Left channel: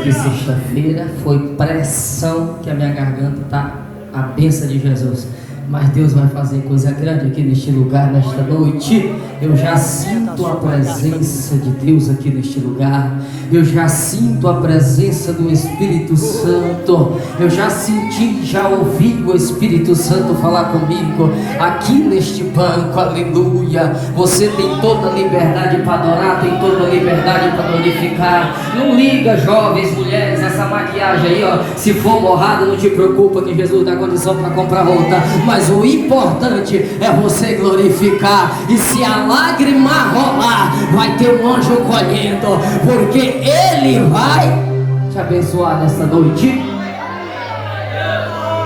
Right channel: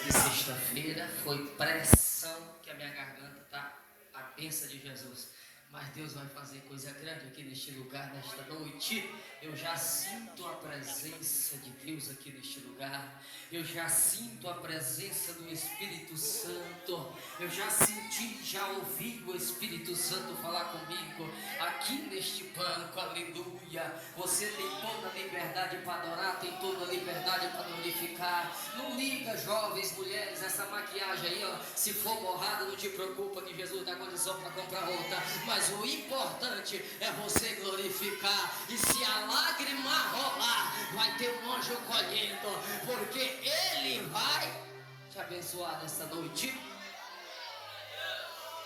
de sexta-feira, foi pressão que a minha garganta tá a bênção de Jesus. Mas Deus vai fazer coisa grande aqui neste lugar, nesta noite. Eu já sinto a presença de Deus aqui neste lugar. Eu já sinto a presença do Espírito Santo. Eu já senti, já ouvi o Espírito Santo falar comigo aqui neste banco, aleluia. Você tem toda a liberdade para adorar, tem toda a liberdade para glorificar. Não liga, jovens, mulheres, essa maquiagem aí, ó, se for borrada, não te preocupa que Jesus dá condição para comprar outra. Mas o importante é você glorificar. E se a lágrima rolar, vai ter um anjo colhendo, porque Ele vai te abençoar nesta noite.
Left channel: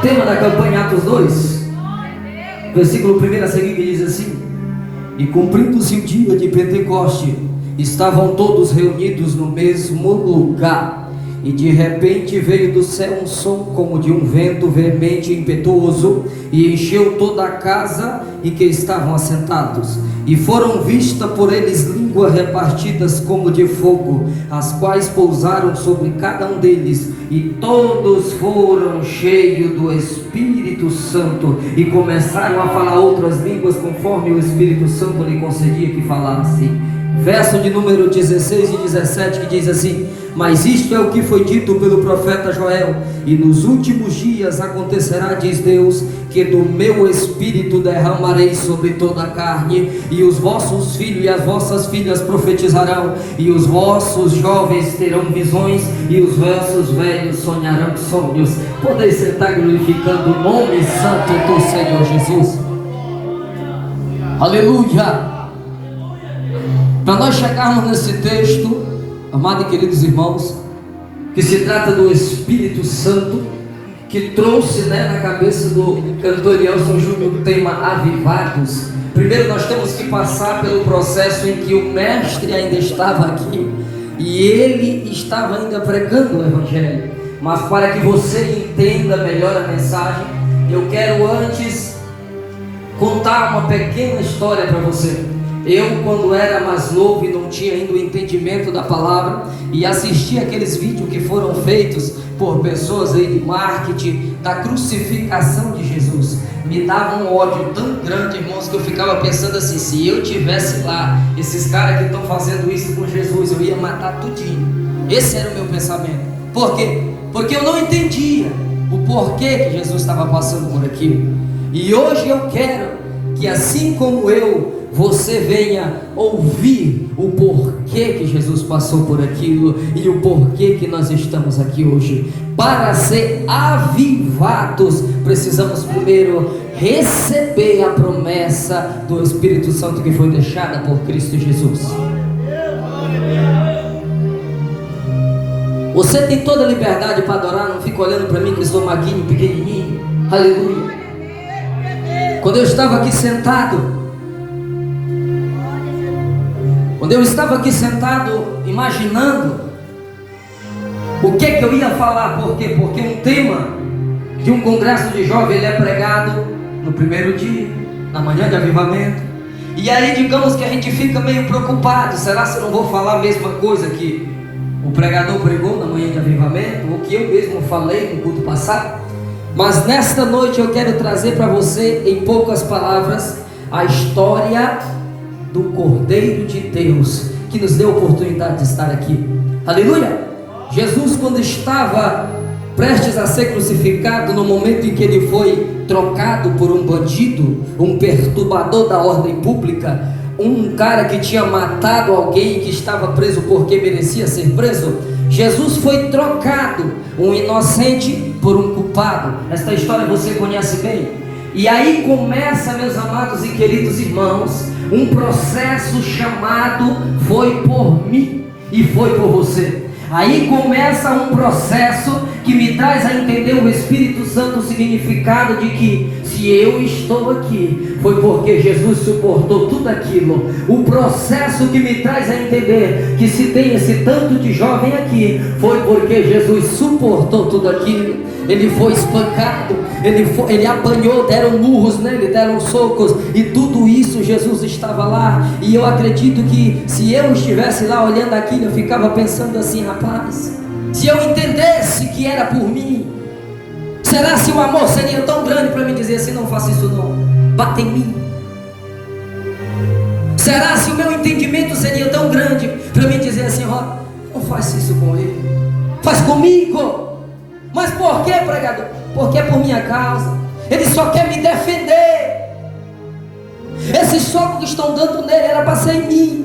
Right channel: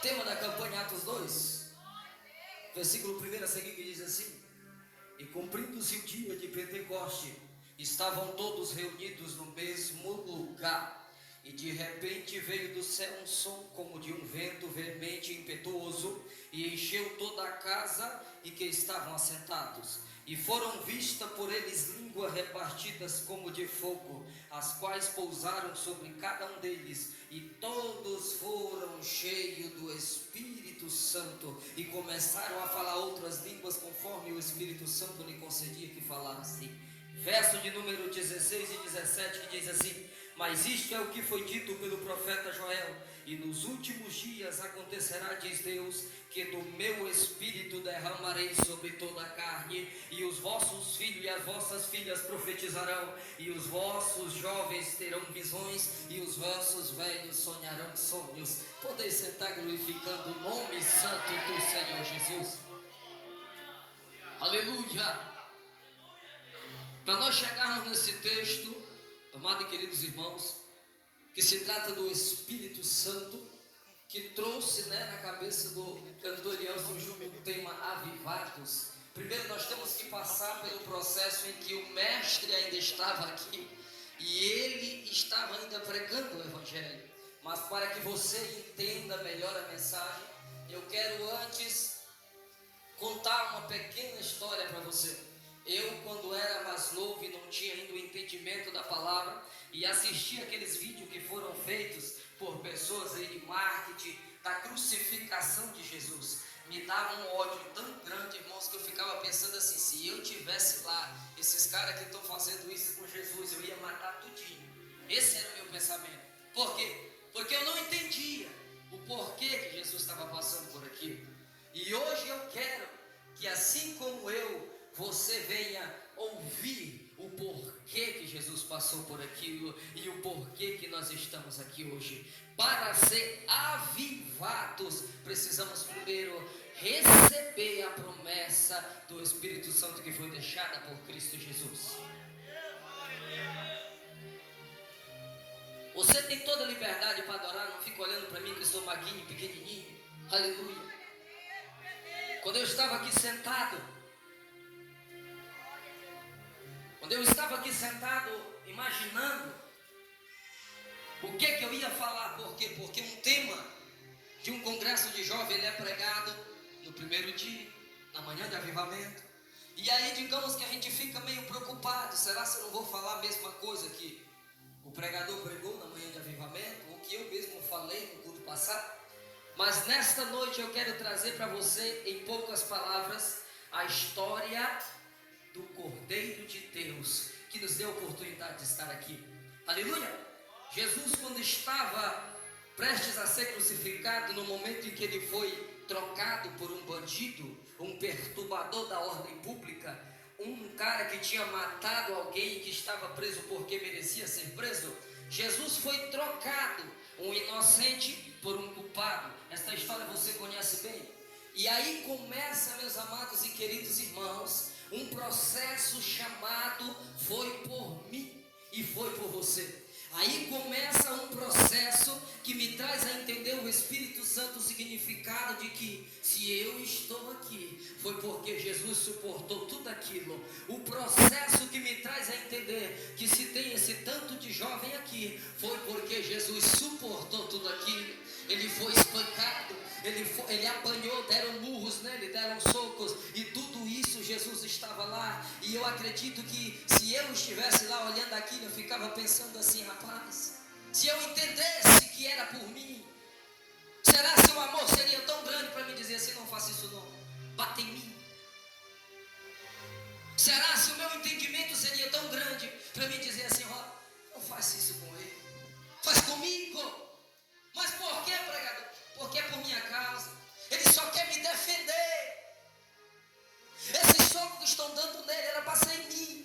Tema da campanha Atos 2, versículo 1 a seguir, que diz assim: e cumprindo-se o dia de Pentecoste, estavam todos reunidos no mesmo lugar. E de repente veio do céu um som como de um vento veemente e impetuoso, e encheu toda a casa em que estavam assentados. E foram vistas por eles línguas repartidas como de fogo, as quais pousaram sobre cada um deles. E todos foram cheios do Espírito Santo, e começaram a falar outras línguas conforme o Espírito Santo lhe concedia que falassem. Verso de número 16 e 17, que diz assim: mas isto é o que foi dito pelo profeta Joel: e nos últimos dias acontecerá, diz Deus, que do meu Espírito derramarei sobre toda a carne, e os vossos filhos e as vossas filhas profetizarão, e os vossos jovens terão visões, e os vossos velhos sonharão sonhos. Podeis sentar glorificando o nome santo do Senhor Jesus. Aleluia! Para nós chegarmos nesse texto, amados e queridos irmãos, que se trata do Espírito Santo, que trouxe, na cabeça do cantor Elson Júnior o tema Avivados. Primeiro nós temos que passar pelo processo em que o mestre ainda estava aqui, e ele estava ainda pregando o Evangelho. Mas para que você entenda melhor a mensagem, eu quero antes contar uma pequena história para você. Eu, quando era mais novo e não tinha ainda o entendimento da palavra, e assistia aqueles vídeos que foram feitos por pessoas aí de marketing da crucificação de Jesus, me dava um ódio tão grande, irmãos, que eu ficava pensando assim: se eu tivesse lá, esses caras que estão fazendo isso com Jesus, eu ia matar tudinho. Esse era o meu pensamento. Por quê? Porque eu não entendia o porquê que Jesus estava passando por aquilo. E hoje eu quero que, assim como eu, você venha ouvir o porquê que Jesus passou por aquilo e o porquê que nós estamos aqui hoje. Para ser avivados, precisamos primeiro receber a promessa do Espírito Santo que foi deixada por Cristo Jesus. Você tem toda a liberdade para adorar, não fica olhando para mim que sou maguinho, pequenininho. Aleluia. Quando eu estava aqui sentado, imaginando o que eu ia falar. Por quê? Porque um tema de um congresso de jovens, ele é pregado no primeiro dia, na manhã de avivamento. E aí, digamos que a gente fica meio preocupado: será que eu não vou falar a mesma coisa que o pregador pregou na manhã de avivamento, ou que eu mesmo falei no culto passado? Mas nesta noite eu quero trazer para você, em poucas palavras, a história do Cordeiro de Deus, que nos deu a oportunidade de estar aqui. Aleluia! Jesus, quando estava prestes a ser crucificado, no momento em que ele foi trocado por um bandido, um perturbador da ordem pública, um cara que tinha matado alguém, que estava preso porque merecia ser preso, Jesus foi trocado, um inocente por um culpado. Esta história você conhece bem. E aí começa, meus amados e queridos irmãos, um processo chamado foi por mim e foi por você. Aí começa um processo que me traz a entender o Espírito Santo, o significado de que se eu estou aqui, foi porque Jesus suportou tudo aquilo. O processo que me traz a entender que se tem esse tanto de jovem aqui, foi porque Jesus suportou tudo aquilo. Ele foi espancado, ele apanhou, deram murros nele, deram socos, e tudo isso Jesus estava lá. E eu acredito que se eu estivesse lá olhando aquilo, eu ficava pensando assim: rapaz, Se eu entendesse que era por mim, será se o amor seria tão grande para me dizer assim: não faça isso não, bata em mim? Será se o meu entendimento seria tão grande para me dizer assim: ó, não faz isso com ele, faz comigo? Mas por que, pregador? Porque é por minha causa. Ele só quer me defender. Esse soco que estão dando nele era para ser em mim.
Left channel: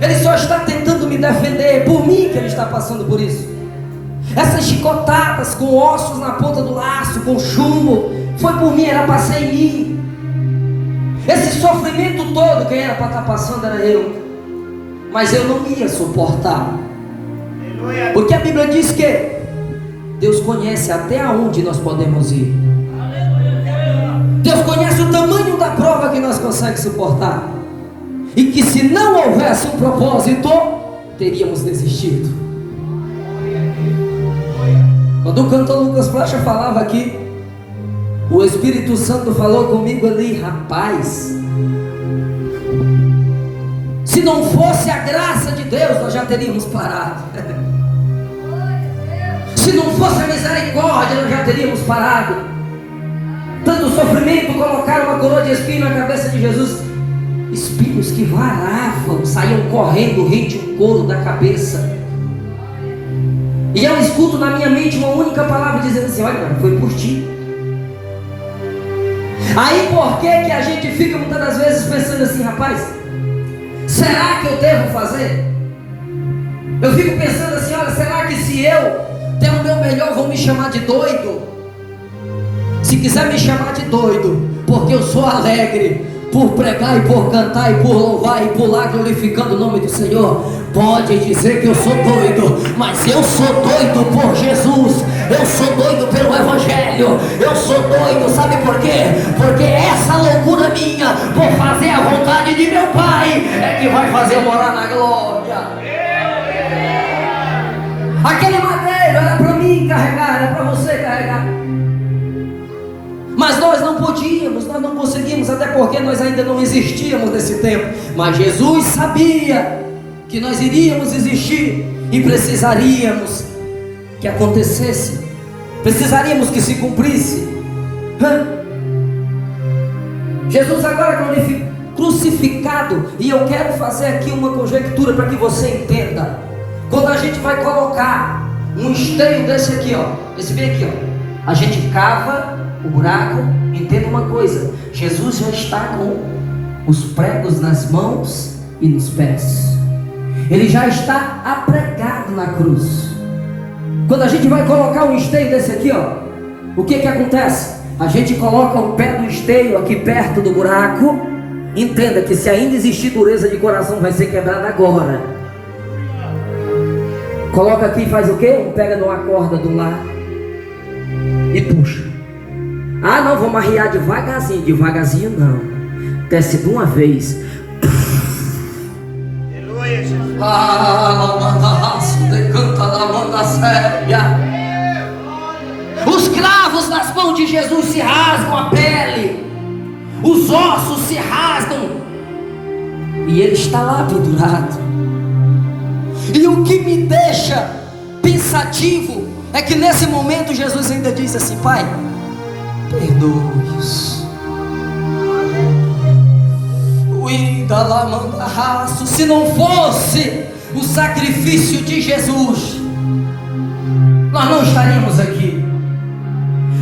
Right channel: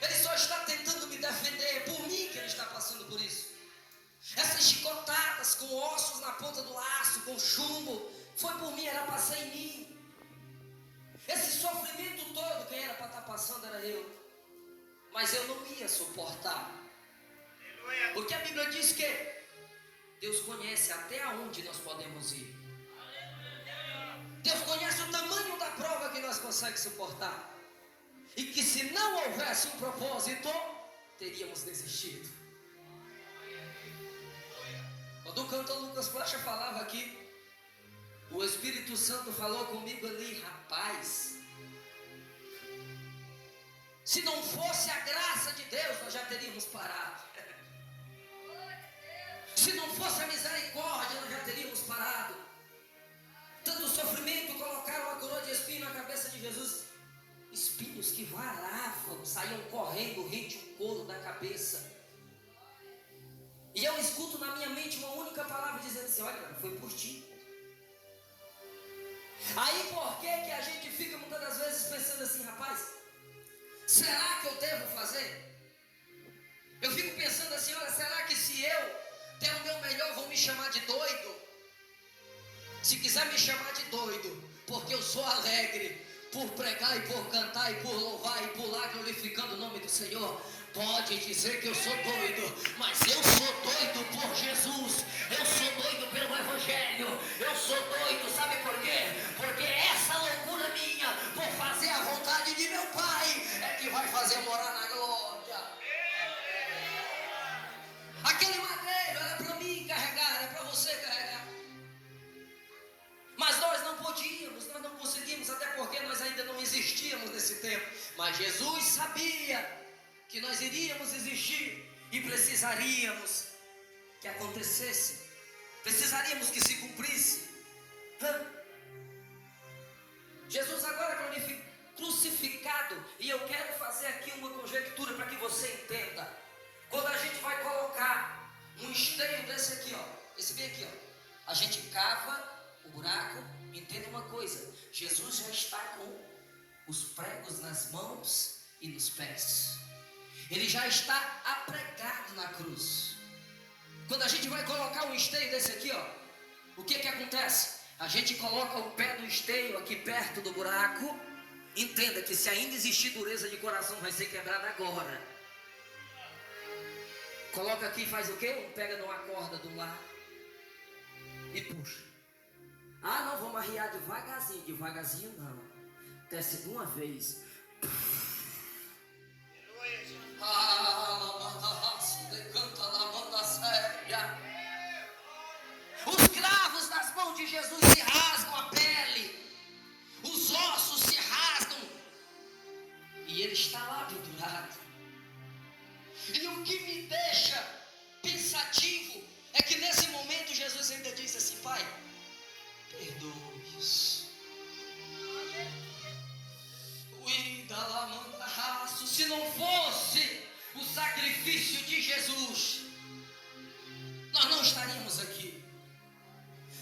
Ele só está tentando me defender. É por mim que ele está passando por isso. Essas chicotadas com ossos na ponta do laço, com chumbo, foi por mim, era para ser em mim. Esse sofrimento todo, quem era para estar passando era eu. Mas eu não ia suportar. Porque a Bíblia diz que Deus conhece até aonde nós podemos ir. Deus conhece o tamanho da prova que nós conseguimos suportar. E que se não houvesse um propósito, teríamos desistido. Quando o cantor Lucas Flecha falava aqui, o Espírito Santo falou comigo ali: rapaz, se não fosse a graça de Deus, nós já teríamos parado. Se não fosse a misericórdia, nós já teríamos parado. Tanto sofrimento, colocaram uma coroa de espinho na cabeça de Jesus, espinhos que varavam, saíam correndo, rente o couro da cabeça. E eu escuto na minha mente uma única palavra dizendo assim: olha, foi por ti. Aí por que a gente fica muitas das vezes pensando assim: rapaz, será que eu devo fazer? Eu fico pensando assim: olha, será que se eu der o meu melhor vão me chamar de doido? Se quiser me chamar de doido, porque eu sou alegre por pregar e por cantar e por louvar e pular glorificando o nome do Senhor, pode dizer que eu sou doido, mas eu sou doido por Jesus, eu sou doido pelo Evangelho, eu sou doido, sabe por quê? Porque essa loucura minha por fazer a vontade de meu Pai é que vai fazer eu morar na glória. Aquele madeiro era para mim carregar, era para você carregar. Mas nós não podíamos, nós não conseguimos, até porque nós ainda não existíamos nesse tempo. Mas Jesus sabia que nós iríamos existir e precisaríamos que acontecesse, precisaríamos que se cumprisse. Jesus agora crucificado, e eu quero fazer aqui uma conjectura para que você entenda. Quando a gente vai colocar um esteio desse aqui, ó, esse bem aqui, ó, a gente cava o buraco. Entenda uma coisa: Jesus já está com os pregos nas mãos e nos pés. Ele já está apregado na cruz. Quando a gente vai colocar um esteio desse aqui, ó, o que acontece? A gente coloca o pé do esteio aqui perto do buraco. Entenda que se ainda existir dureza de coração, vai ser quebrada agora. Coloca aqui e faz o quê? Pega numa corda do lado e puxa. Ah, não, vamos arriar devagarzinho. Devagarzinho não, desce de uma vez. Aleluia, Jesus. Os cravos nas mãos de Jesus se rasgam a pele, os ossos se rasgam, e ele está lá pendurado. E o que me deixa pensativo é que nesse momento Jesus ainda diz assim: Pai, perdoe-os. Se não fosse o sacrifício de Jesus, nós não estaríamos aqui.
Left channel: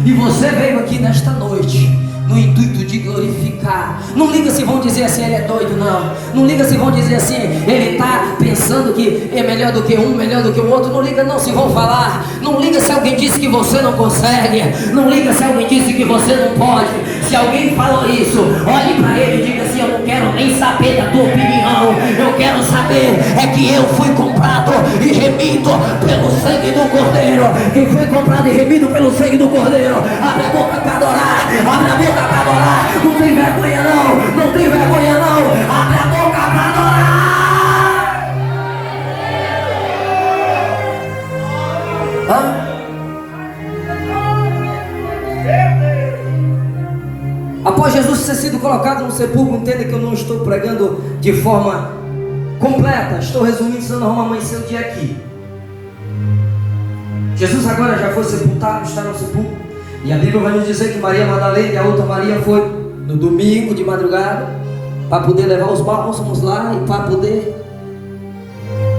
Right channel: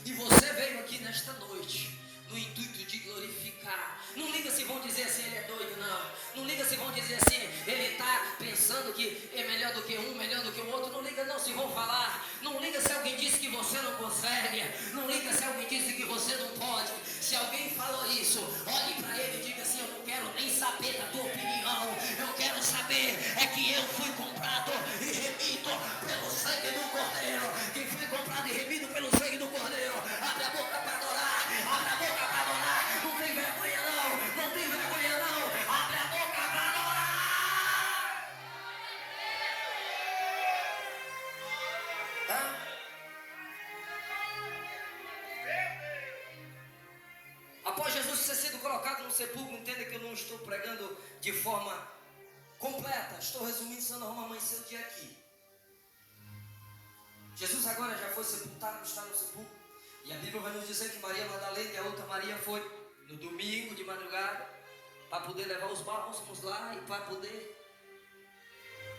E você veio aqui nesta noite no intuito de glorificar. Não liga se vão dizer assim: ele é doido, não. Não liga se vão dizer assim: ele está pensando que é melhor do que um, melhor do que o outro. Não liga não se vão falar. Não liga se alguém disse que você não consegue. Não liga se alguém disse que você não pode. Se alguém falou isso, olhe para ele e diga assim: eu não quero nem saber da tua opinião. Eu quero saber é que eu fui comprado e remido pelo sangue do Cordeiro. Quem foi comprado e remido pelo sangue do Cordeiro, abre a boca para adorar. Abre a boca para adorar. Não tem vergonha não. Não tem vergonha não. Abre a boca para adorar. Após Jesus ter sido colocado no sepulcro, entenda que eu não estou pregando de forma completa. Estou resumindo, senão não vamos amanhecer o dia aqui. Jesus agora já foi sepultado, está no sepulcro. E a Bíblia vai nos dizer que Maria Madalena e a outra Maria foi no domingo de madrugada para poder levar os bálsamos lá e para poder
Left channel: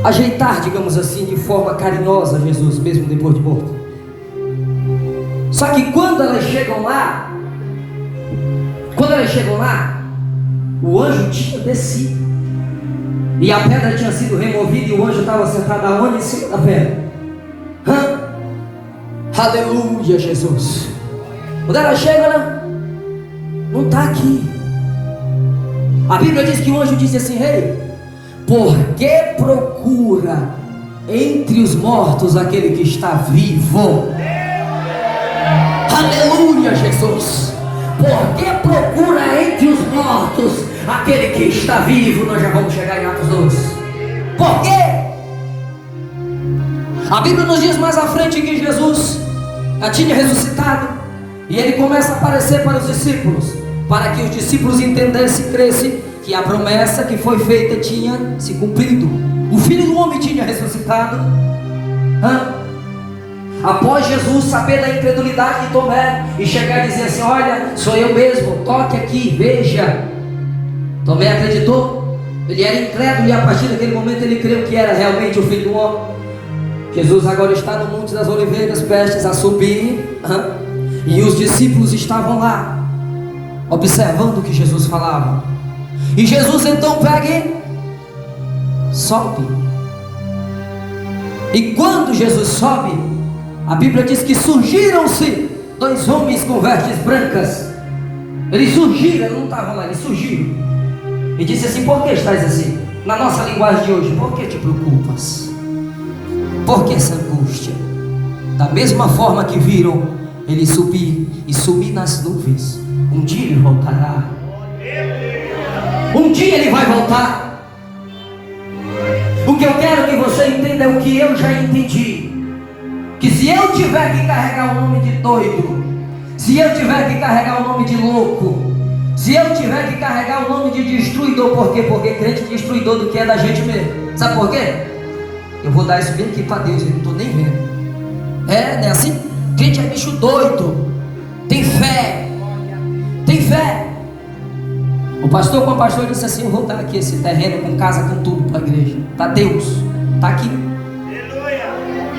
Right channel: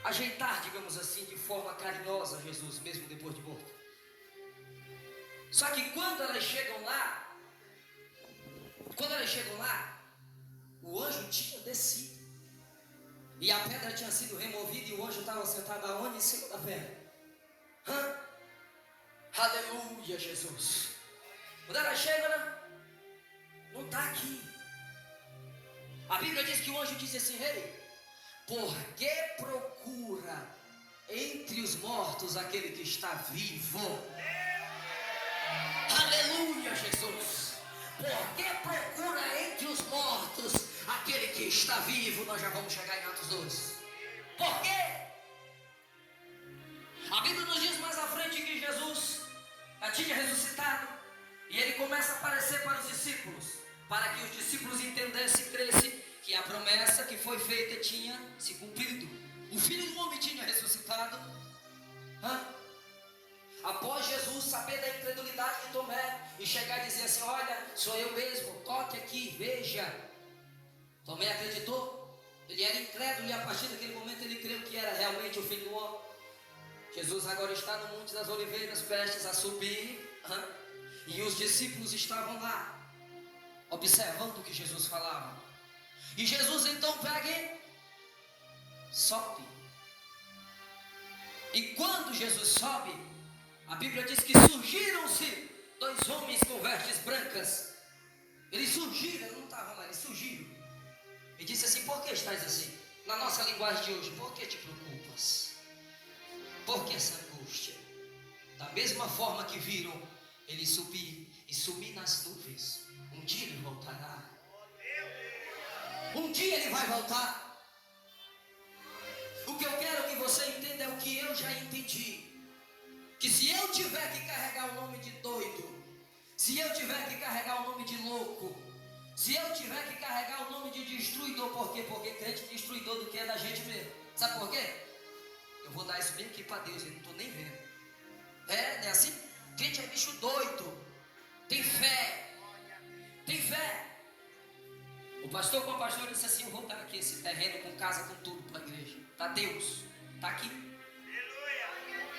ajeitar, digamos assim, de forma carinhosa Jesus, mesmo depois de morto. Só que quando elas chegam lá, o anjo tinha descido e a pedra tinha sido removida e o anjo estava sentado aonde? Em cima da pedra. Aleluia, Jesus. Quando ela chega, não está aqui. A Bíblia diz que o anjo disse assim: rei, por que procura entre os mortos aquele que está vivo? Aleluia, Jesus. Por que procura entre os mortos aquele que está vivo? Nós já vamos chegar em Atos 12. Por quê? A Bíblia nos diz mais à frente que Jesus já tinha ressuscitado e ele começa a aparecer para os discípulos, para que os discípulos entendessem e crescem que a promessa que foi feita tinha se cumprido. O Filho do Homem tinha ressuscitado. Após Jesus saber da incredulidade de Tomé e chegar e dizer assim: olha, sou eu mesmo, toque aqui, veja. Tomé acreditou. Ele era incrédulo e a partir daquele momento ele creu que era realmente o Filho do Homem. Jesus agora está no Monte das Oliveiras, prestes a subir, e os discípulos estavam lá observando o que Jesus falava. E Jesus então pega e sobe. E quando Jesus sobe, a Bíblia diz que surgiram-se dois homens com vestes brancas. Eles surgiram, não estavam lá, eles surgiram. E disse assim: por que estás assim? Na nossa linguagem de hoje, por que te preocupas? Por que essa angústia? Da mesma forma que viram ele subir e sumir nas nuvens, um dia ele voltará. Um dia ele vai voltar. O que eu quero que você entenda é o que eu já entendi: que se eu tiver que carregar o nome de doido, se eu tiver que carregar o nome de louco, se eu tiver que carregar o nome de destruidor, por quê? Porque crente destruidor do que é da gente mesmo. Sabe por quê? Eu vou dar isso bem aqui para Deus, eu não estou nem vendo. É, né? Assim, crente é bicho doido. Tem fé. Tem fé. O pastor com a pastora disse assim: eu vou dar aqui esse terreno com casa, com tudo para a igreja. Para Deus. Está aqui.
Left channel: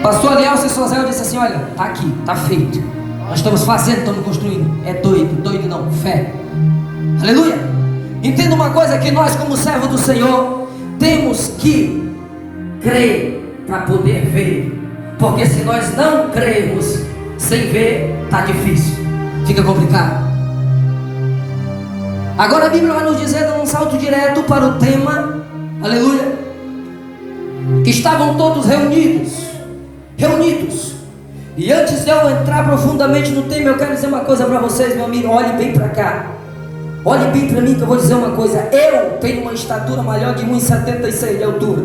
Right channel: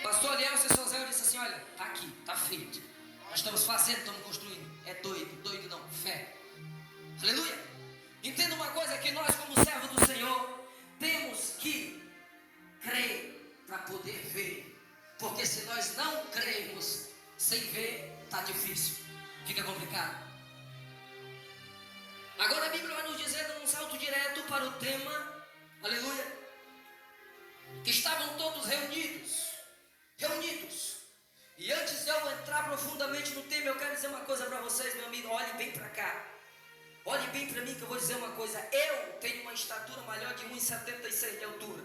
Pastor Alielso e Sozel disse assim: olha, está aqui, está feito. Nós estamos fazendo, estamos construindo. É doido, doido não, fé. Aleluia. Entenda uma coisa, que nós como servos do Senhor temos que crer para poder ver. Porque se nós não crermos sem ver, está difícil, fica complicado. Agora a Bíblia vai nos dizer, dando um salto direto para o tema, aleluia, que estavam todos reunidos. E antes de eu entrar profundamente no tema, eu quero dizer uma coisa para vocês, meu amigo. Olhe bem para cá, olhe bem para mim, que eu vou dizer uma coisa. Eu tenho uma estatura maior de 1,76 de altura,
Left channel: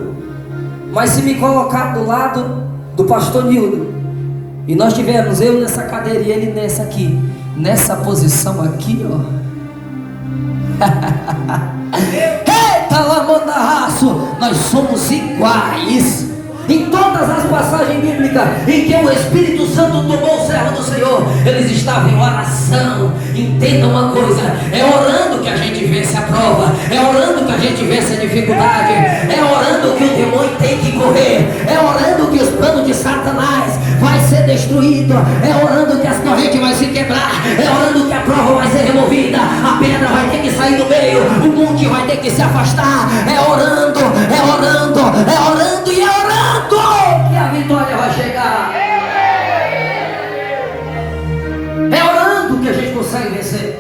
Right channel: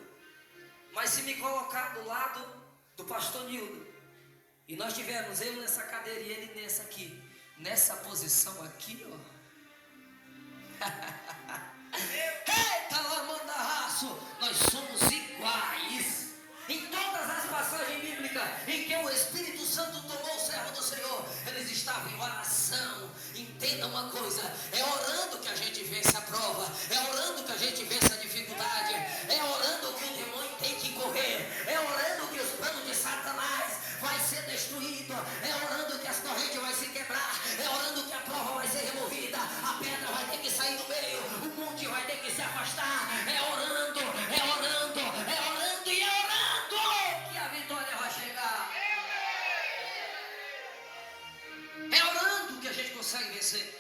mas se me colocar do lado do pastor Nildo, e nós tivermos eu nessa cadeira e ele nessa aqui, nessa posição aqui, ó, eita lamandarraço, nós somos iguais. Em todas as passagens bíblicas em que o Espírito Santo tomou o servo do Senhor, eles estavam em oração. Entenda uma coisa: é orando que a gente vence a prova, é orando que a gente vence a dificuldade, é orando que o demônio tem que correr, é orando que os planos de Satanás vai ser destruído, é orando que as correntes vai se quebrar, é orando que a prova vai ser removida, a pedra vai ter que sair do meio, o monte vai ter que se afastar. É orando, é orando, é orando e é orando que a vitória vai chegar. É orando que a gente consegue vencer.